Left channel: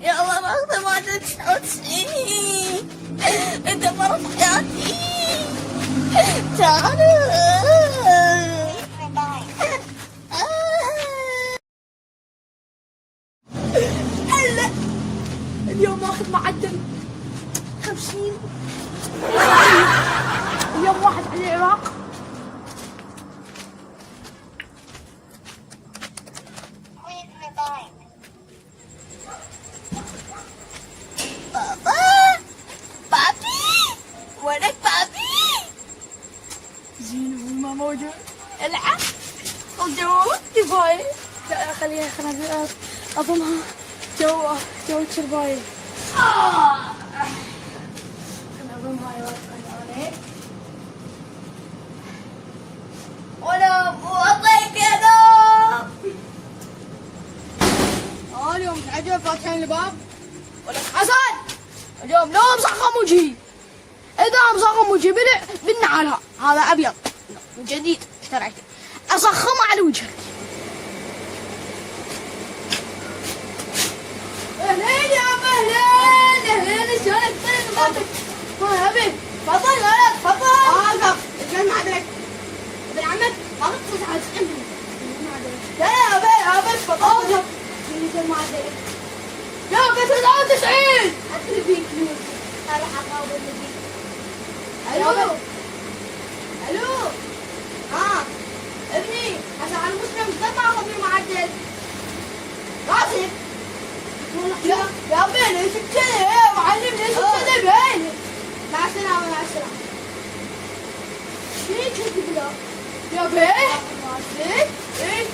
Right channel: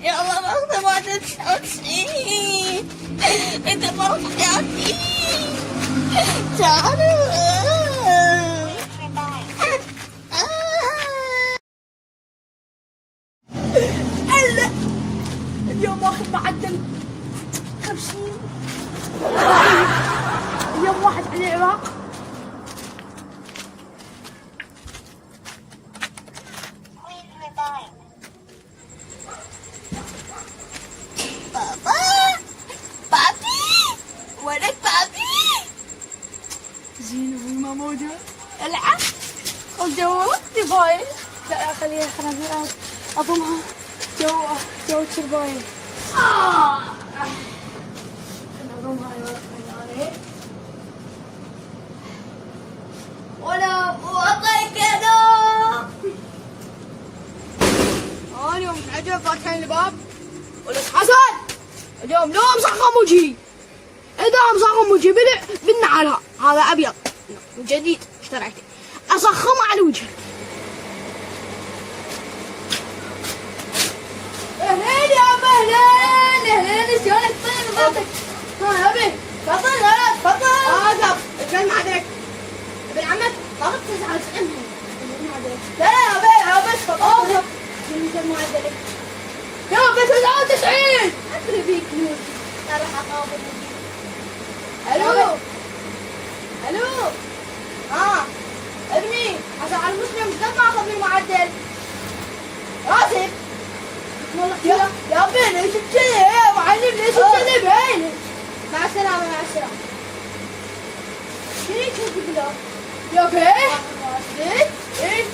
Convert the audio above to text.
يلا باخذ ما تتحوشي. انت فرط حياتي. تعالوا. هلا اليوم باخذ معدل 50. اليوم واحد على العراق. بابا بابي وينك بابي؟ زين ابوي ما موجود. العب الجو تباي. لا خليها اضمها. جو ترباي. خلينا اضمها. ولا اعطيك يا نوم. انا يوم تعجب فاتحين الباب ولك حسن اليوم لو مصخم وجهي. اذا مصخم وجهي بالنعال هذا ابيض جديد اشتريته اصخمه على وجهك. اهلين يا ابو اهلين اهلين شلونك طيب ها ابي تفضل انا تفضل اوقف اتجنن عليك ابن عمك طلبت 99 لا لا ابي تفضل شنو ما عندك يا ابي 99 ادري فيك فلوس انا راح اقابل فيك. الو الو ابني عشان على المسلم قد ما اخذني معدل راسب والله يا ابني ليش كذي يا معلم ليش كذي بعينك. مع السلامة مع السلامة. شنو كذي يا بيه؟ ايه